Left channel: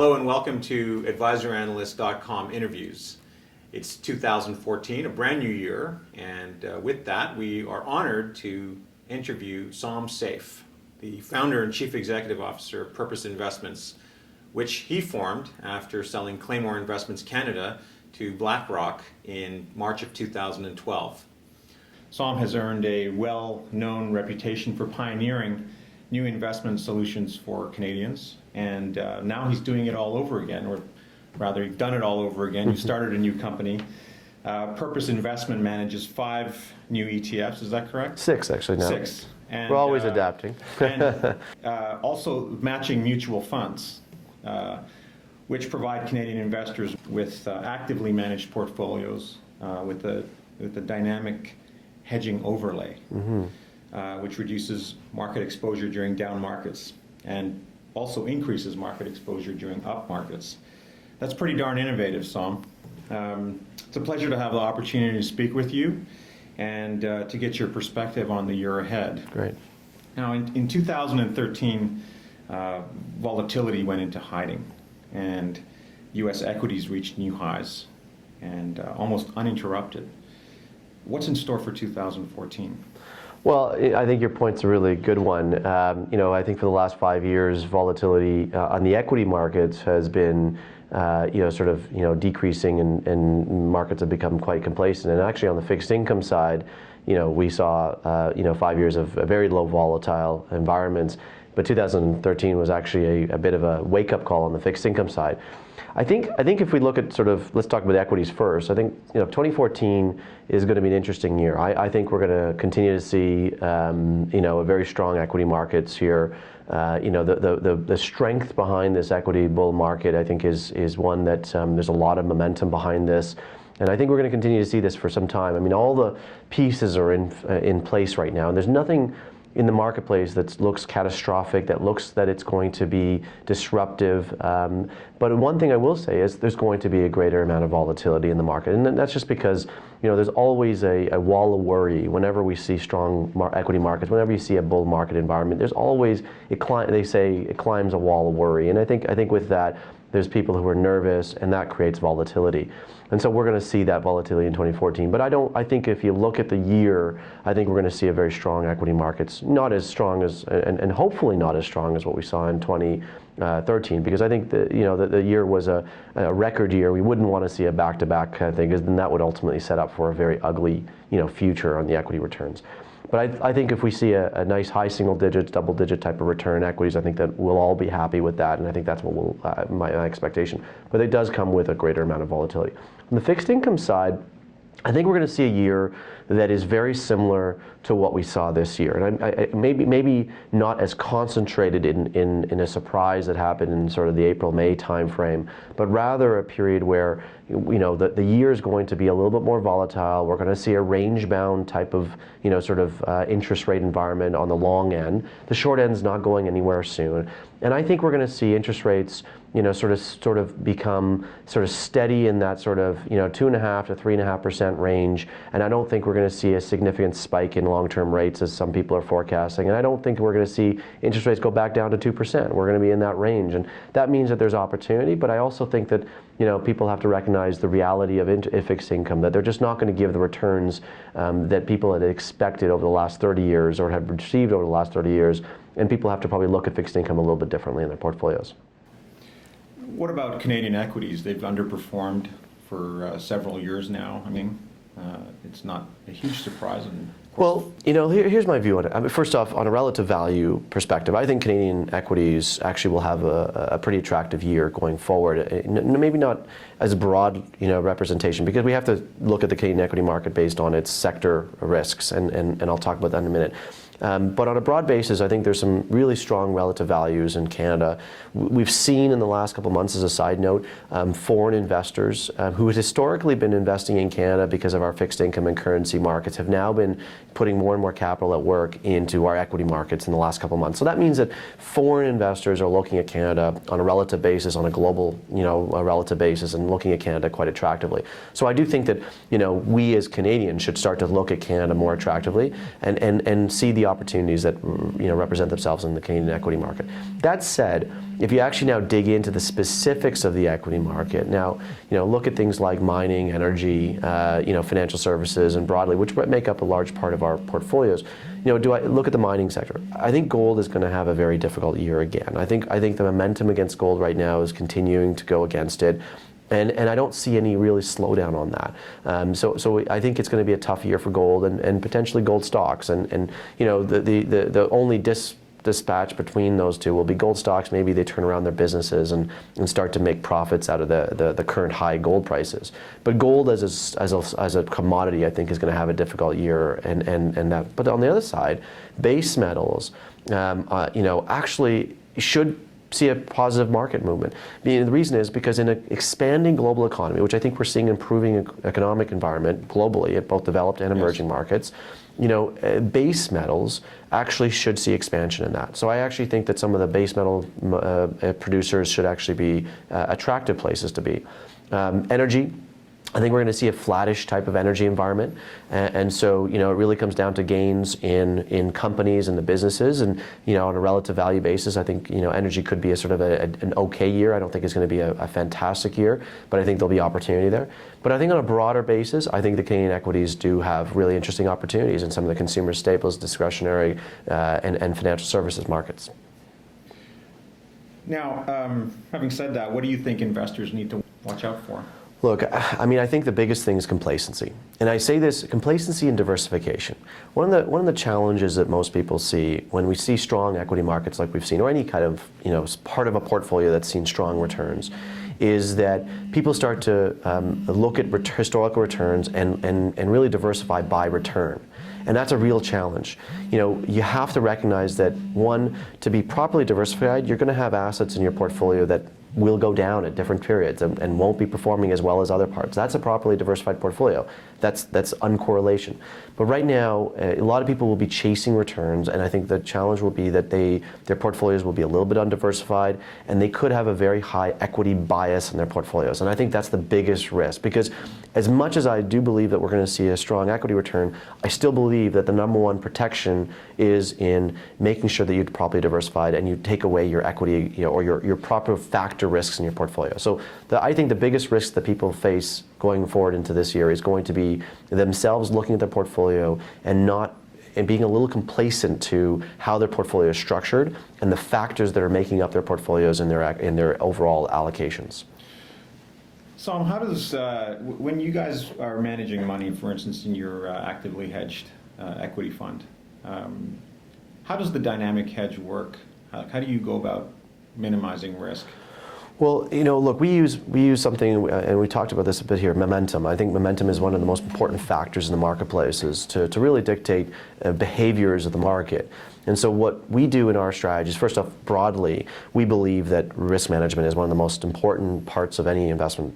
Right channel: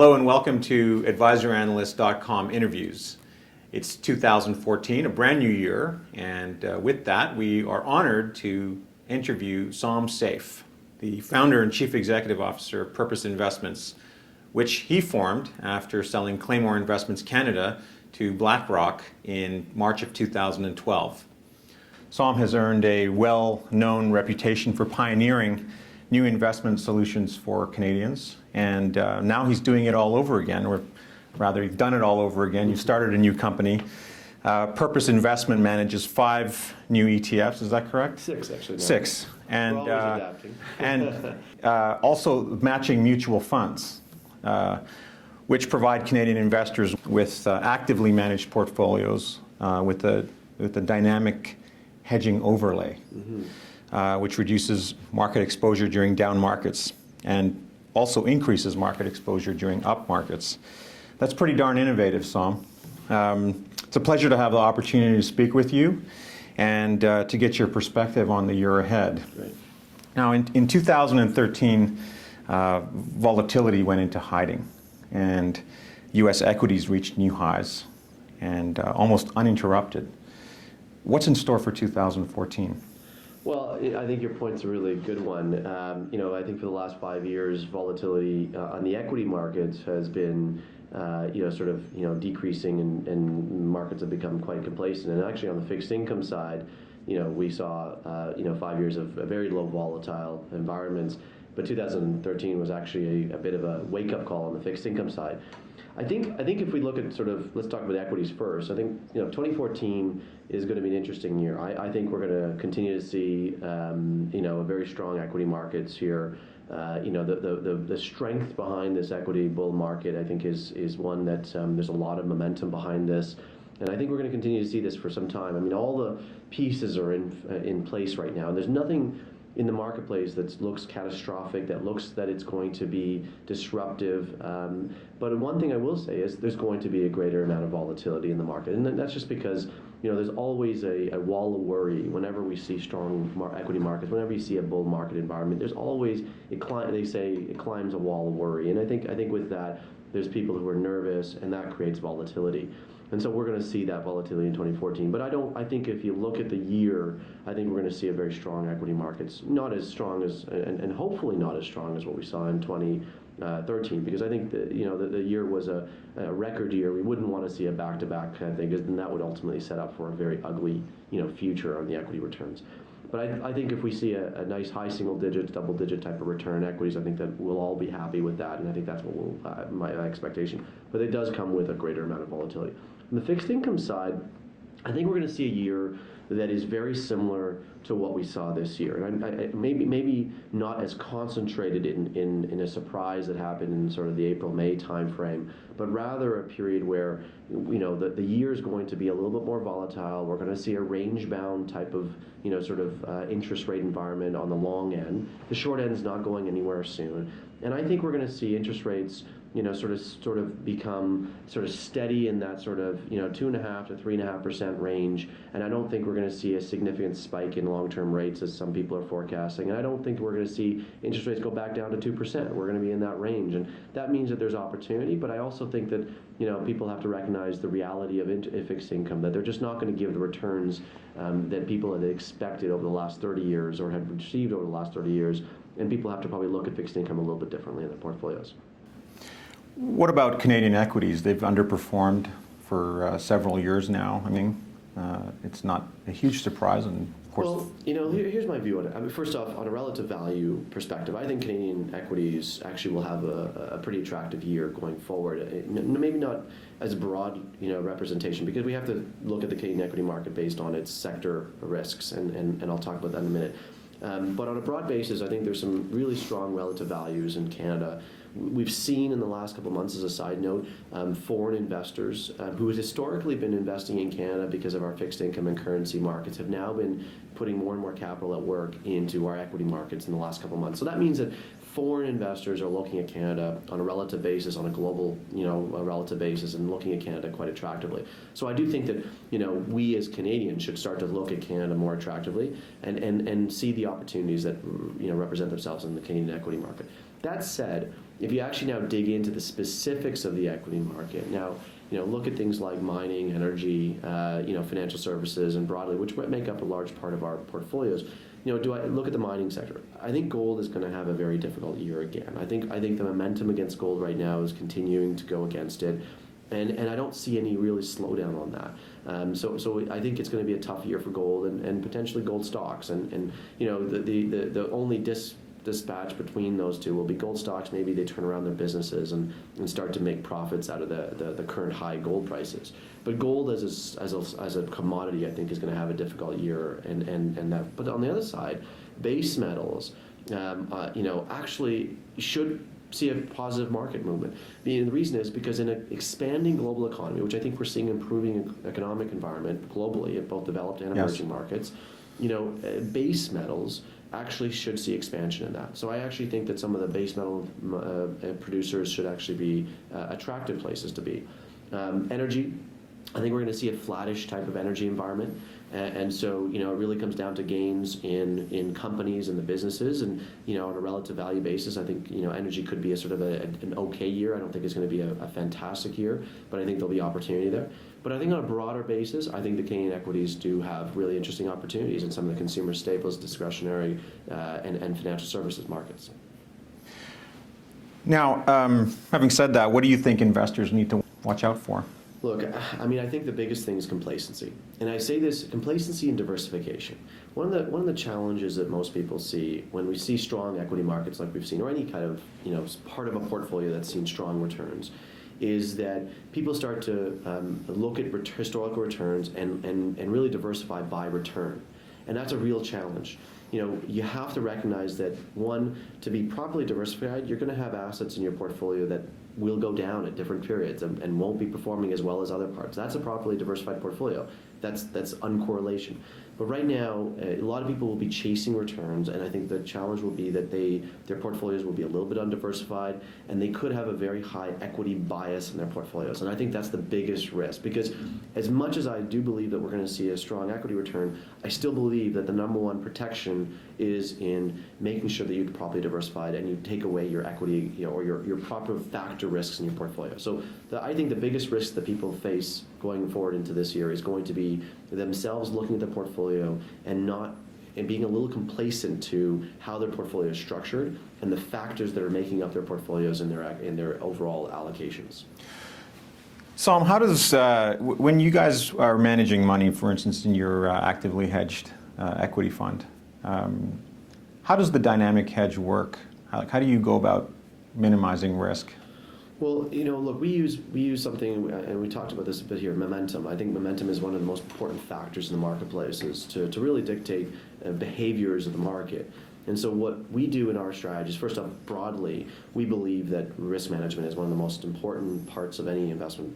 Hello and welcome to AdvisorAnalyst.com interviews. It's 2014, a brand new year, and with that we are honored to interview Som Seif, the founder and chief executive officer of Purpose Investments, which he formed after selling Claymore Investments Canada to BlackRock in March of 2012. Som has earned a well-known reputation for pioneering new investment solutions for Canadians, and now he's doing it all over again, or rather, he's done it all over again. He started a new company. Purpose Investment manages 5 new ETFs, is that correct? 6, actually, now. 6. And, we're always adapting. And also matching mutual funds, which provide Canadian investors with actively managed portfolios with a dynamic hedging overlay, which reduces market exposure during down markets and also increases market exposure during up markets. That's pretty darn innovative, Som. It's a pleasure to have the opportunity to speak with you and to get your perspective on the year ahead. Great. Now, in 2013, volatility went into hiding, and U.S. equities reached new highs and almost uninterrupted. What's in store for 2014? Well, I think your point's a really good one. I think for the last 5 years, volatility on the equity markets has been, decreasing, and markets have become quite complacent. And actually, on the fixed income side, we saw, 5 years of very low volatile environments. But 2013 was actually a bit of a wake-up call on the fixed income side. I think if we look at let's talk about equities first. I think 2014 is going to be an interesting year. I think we're going to continue to see a very strong equity markets here. The strength behind this equity bull market, I think, is one that there's a lot of momentum behind this. And I think we're going to continue to see this for some time. I mean, all the pieces are in place right now. There's nothing in the marketplace that looks catastrophic, that looks that it's going to be disruptive. But one thing I will say is there's going to be a greater amount of volatility in the market. And that's just because there's always a wall of worry whenever we see strong equity markets, whenever you see a bull market environment. There's always, they say it climbs a wall of worry. And I think with that, there's people who are nervous, and that creates volatility. And so we're going to see that volatility in 2014. But I think if you look at the year, I think we're going to see a very strong equity markets, not as strong as, and hopefully not as strong as what we saw in 2013, because I think the year was a record year. We wouldn't want to see a back-to-back kind of thing, because then that would ultimately set up for a very ugly future on the equity returns. But I think if we see a nice high single digits, double digit type of return in equities, I think that we'll all be happy with that, and I think that's what my expectation. But it does come with a greater amount of volatility. On the fixed income side, I think we're going to see a year that is very similar to what we saw this year, and maybe not as concentrated in a surprise that happened in sort of the April-May timeframe, but rather a period where the year is going to be a little bit more volatile. We're going to see a range-bound type of interest rate environment on the long end. The short end's not going anywhere soon, and I think we're going to see interest rates sort of become steady in that 2.5% to 3.5% range. And I don't think we're going to see a significant spike in long-term rates as some people are forecasting. And I don't think we're going to see interest rates go back down to 2%. We're going to be in that range, and that means that there's opportunity. But I also think that people have to recognize the reality of fixed income, that they're just not going to give the returns that people had expected over the last 30 years or have received over the last 30 years. And people have to probably look at fixed income a little bit differently in their portfolios. What about Canadian equities? They've underperformed for several years now. I mean, it's not a huge surprise. And well, here's my view on it. I mean, first off, on a relative value perspective, I think Canadian equities actually will have a pretty attractive year going forward. Maybe not as a broad representation, because we have to look at the Canadian equity market based on its sector risks, and I'll talk about that in a minute. But on a broad basis, I think there's some really strong relative values in Canada. We've seen in the last couple of months, as a side note, foreign investors who had historically been investing in Canada because of our fixed income and currency markets have now been putting more and more capital at work into our equity markets in the last couple of months. So that means that foreign investors are looking at Canada on a relative basis, on a global, a relative basis, and looking at Canada quite attractively. So I do think that, we as Canadians should start to look at Canada more attractively and see the opportunities that represent themselves in the Canadian equity market. That said, if you actually now dig into the specifics of the equity market, now look at things like mining, energy, financial services, and broadly, which make up a large part of our portfolios. Do I look at the mining sector? I think gold is going to have a very difficult year again. I think the momentum against gold right now is continuing to go against it. And I don't see any really slowdown on that. So I think it's going to be a tough year for gold and potentially gold stocks. And the only dispatch between those two will be gold stocks. Maybe they turn around their businesses and start to make profits out of the current high gold prices. But gold as a commodity, I think, is going to have a difficult year. And that. But on the other side, base metals, actually should see a positive market movement. The reason is because in an expanding global economy, which I think we're seeing improving economic environment globally at both developed and emerging markets, base metals actually should see expansion in that. So I actually think that some of the base metal producers should actually be attractive places to be. Energy, I think we're going to see a flattish type of energy environment, and so it really comes down to gains in companies and the businesses, and on a relative value basis, I think energy could be a sort of an okay year. I don't think it's going to be a fantastic year, but I think there'll be opportunity there. But I think on a broader basis, I think the Canadian equities do have really interesting opportunities in some of the consumer staples, discretionary, and financial services markets. Now, having said that, what do you think investors need to watch out for? Look, I think the biggest thing is complacency. And I say this, complacency and diversification. One of the challenges that most people see when we see strong equity markets like we've seen, or any kind of, part of a portfolio that's seen strong returns, is that people start to look at historical returns and really diversify by return. And that's a real challenge. You have to recognize that, one, to be properly diversified, you're going to have assets in your portfolio that will go down at different periods and won't be performing as well as other parts. That's a properly diversified portfolio. That's uncorrelation. But right now, a lot of people will be chasing returns, and I think the challenge will be that their portfolios will be a little bit undiversified, and they could have a very high equity bias in their portfolios. And I think that's the biggest risk, because as much as I do believe that we're going to see a strong equity return, I still believe that the number one protection is in making sure that you're properly diversified and you take away your equity, or your proper factor risks in your portfolio. So I think the biggest risk that people face going forward into this year is going to be themselves looking at their portfolio and being a little complacent to how their portfolio is structured and the factors that are making up their portfolios and their overall allocations. Som, how does, when you guys are managing money, for instance, in your actively hedged equity fund, how does the dynamic hedge work? How do you go about minimizing risk? Well, look, we use something, and we talked about this a bit here, momentum. I think momentum is one of the most important factors in the marketplaces to really dictate behaviors of the market. And so what we do in our strategies, first off, broadly, we believe that risk management is one of the most important parts of any investment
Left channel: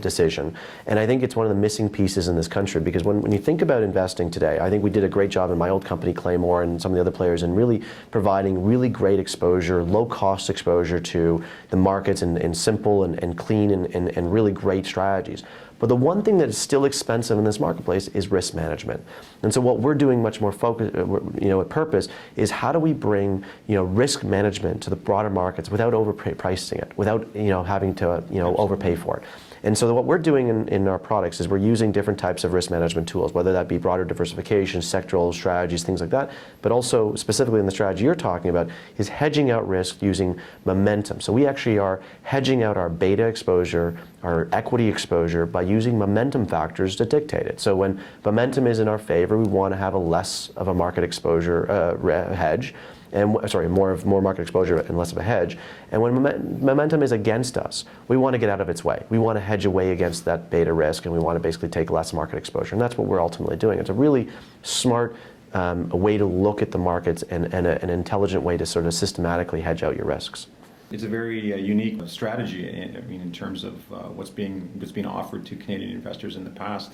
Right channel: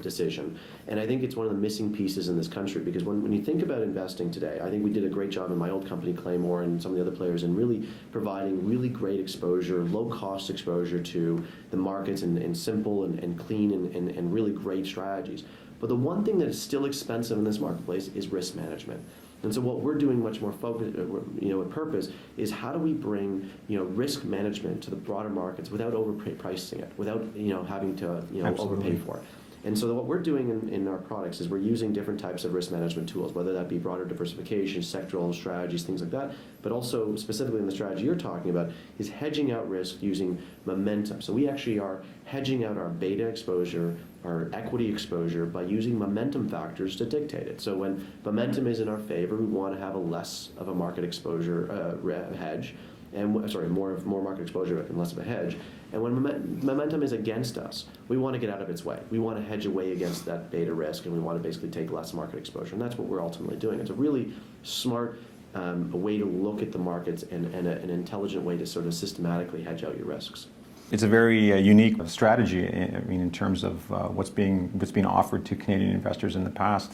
decision. And I think it's one of the missing pieces in this country, because when you think about investing today, I think we did a great job in my old company, Claymore, and some of the other players in really providing really great exposure, low-cost exposure to the markets and simple and clean and really great strategies. But the one thing that is still expensive in this marketplace is risk management. And so what we're doing much more focused, at purpose, is how do we bring, risk management to the broader markets without overpricing it, without, having to, overpay for it. And so what we're doing in our products is we're using different types of risk management tools, whether that be broader diversification, sectoral strategies, things like that, but also specifically in the strategy you're talking about is hedging out risk using momentum. So we actually are hedging out our beta exposure, our equity exposure, by using momentum factors to dictate it. So when momentum is in our favor, we want to have a less of a market exposure hedge. More market exposure and less of a hedge. And when momentum is against us, we want to get out of its way. We want to hedge away against that beta risk, and we want to basically take less market exposure. And that's what we're ultimately doing. It's a really smart way to look at the markets and an intelligent way to sort of systematically hedge out your risks. It's a very unique strategy, in terms of what's being offered to Canadian investors in the past.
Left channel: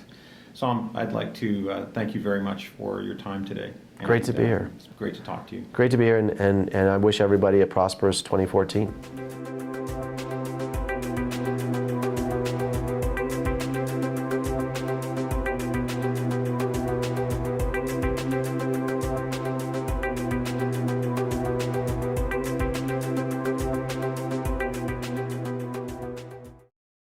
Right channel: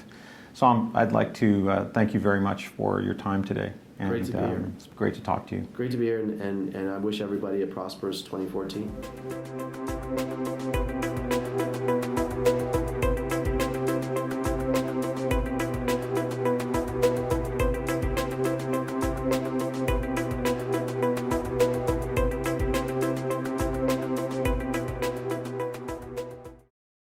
Som, I'd like to thank you very much for your time today. Great to be here. It's great to talk to you. Great to be here, and I wish everybody a prosperous 2014.